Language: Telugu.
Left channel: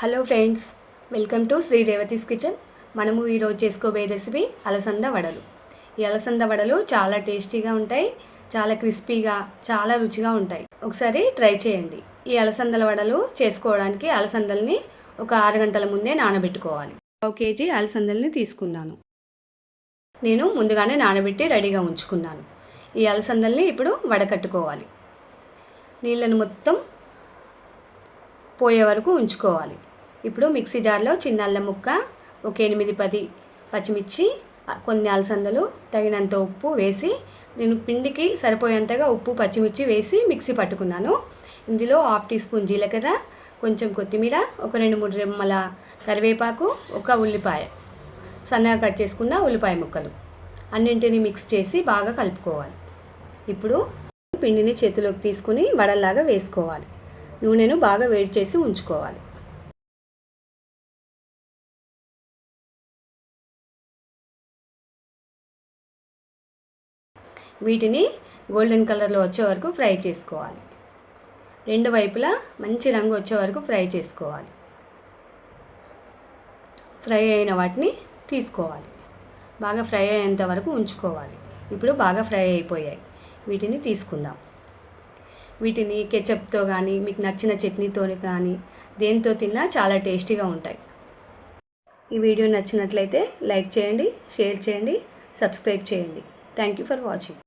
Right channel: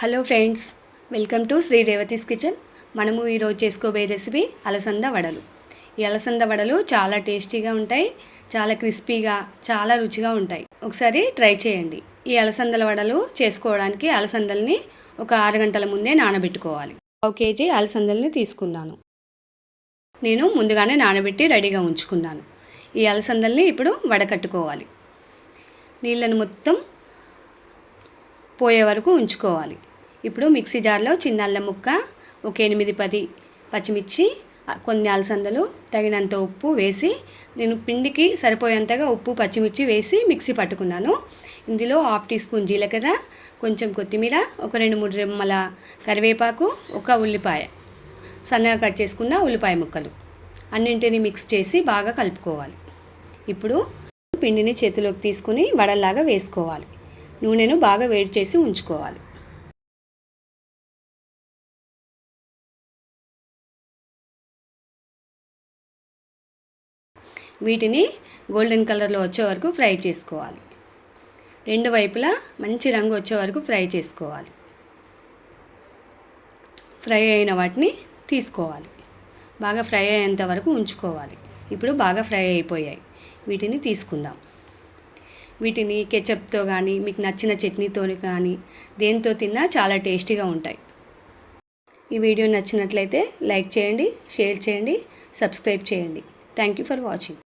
Hello friends, welcome to Shri Revathi's kitchen. మనము ఈరోజు చేసుకోబోయే రెసిపీ అలసంద వడలు. ఈ అలసంద వడలు చాలా టేస్టీగా ఉంటాయి, చాలా క్రిస్పీగా, చాలా రుచిగా ఉంటాయి. ఒకసారి ట్రై చేయండి. ఈ అలసందల వడలు చేసుకోవడానికి అలసందల్ని ఒక 6 గంటల ముందే నానబెట్టుకోవాలి. 1 కేజీ అలసందల్ని తీసుకున్నాను. నేను ముందుగానే నానబెట్టి రెడీగా ఉంచుకున్నాను. ఈ అలసందల్ని ఇప్పుడు వడకట్టుకోవాలి. నీళ్ళను మొత్తం పోయే వరకు ఉంచుకోవాలి. ఇప్పుడు మిక్సీ జార్లో చిన్న అల్లం ముక్క, ఒక 8-10 పచ్చిమిర్చి, కొన్ని అలసందలు, తగినంత ఉప్పు వేసి, నేను పిండికి సరిపోయేంతగా ఉప్పు పచ్చిమిర్చి వేసి మిక్సీ పట్టుకున్నాను. ఇందులో 1/2 టీ స్పూన్ జీలకర్ర, కొంచెం కొత్తిమీర, ఒక 2-3 రెమ్మల కరివేపాకు, ఒక ఉల్లిపాయ, సన్నగా కట్ చేసుకున్న ఉల్లిపాయ ముక్కలు అన్నింటినీ మిక్స్ చేసి బాగా కలుపుకోవాలి. ఇప్పుడు పిండిని చేతిలోకి తీసుకుని వడల్లాగా వేసుకోవాలి. నూనెను బాగా వేడి చేసి ఉంచుకోవాలి. వీటిని గోల్డెన్ కలర్లో వచ్చే వరకు ఫ్రై చేసుకోవాలి. 2 వైపులా మంచి రంగు వచ్చే వరకు ఫ్రై చేసుకోవాలి. ఫ్రై అయిన వాటిని తీసుకోవాలి. బాగా ఫ్రై అయ్యేంత వరకు ఉంచుకోవాలి. ఇప్పుడు బాగా ఫ్రై అయిపోయాయి. వీటిని తీసుకుందాం. వీటిని కెచప్తో కానీ, మీకు నచ్చిన చట్నీతో కానీ, దేంతో తిన్నా చాలా టేస్టీగా ఉంటాయి. ఈ వీడియో నచ్చినట్లయితే లైక్ చేయండి, షేర్ చేయండి, సబ్స్క్రైబ్ చేయండి. Thank you for watching.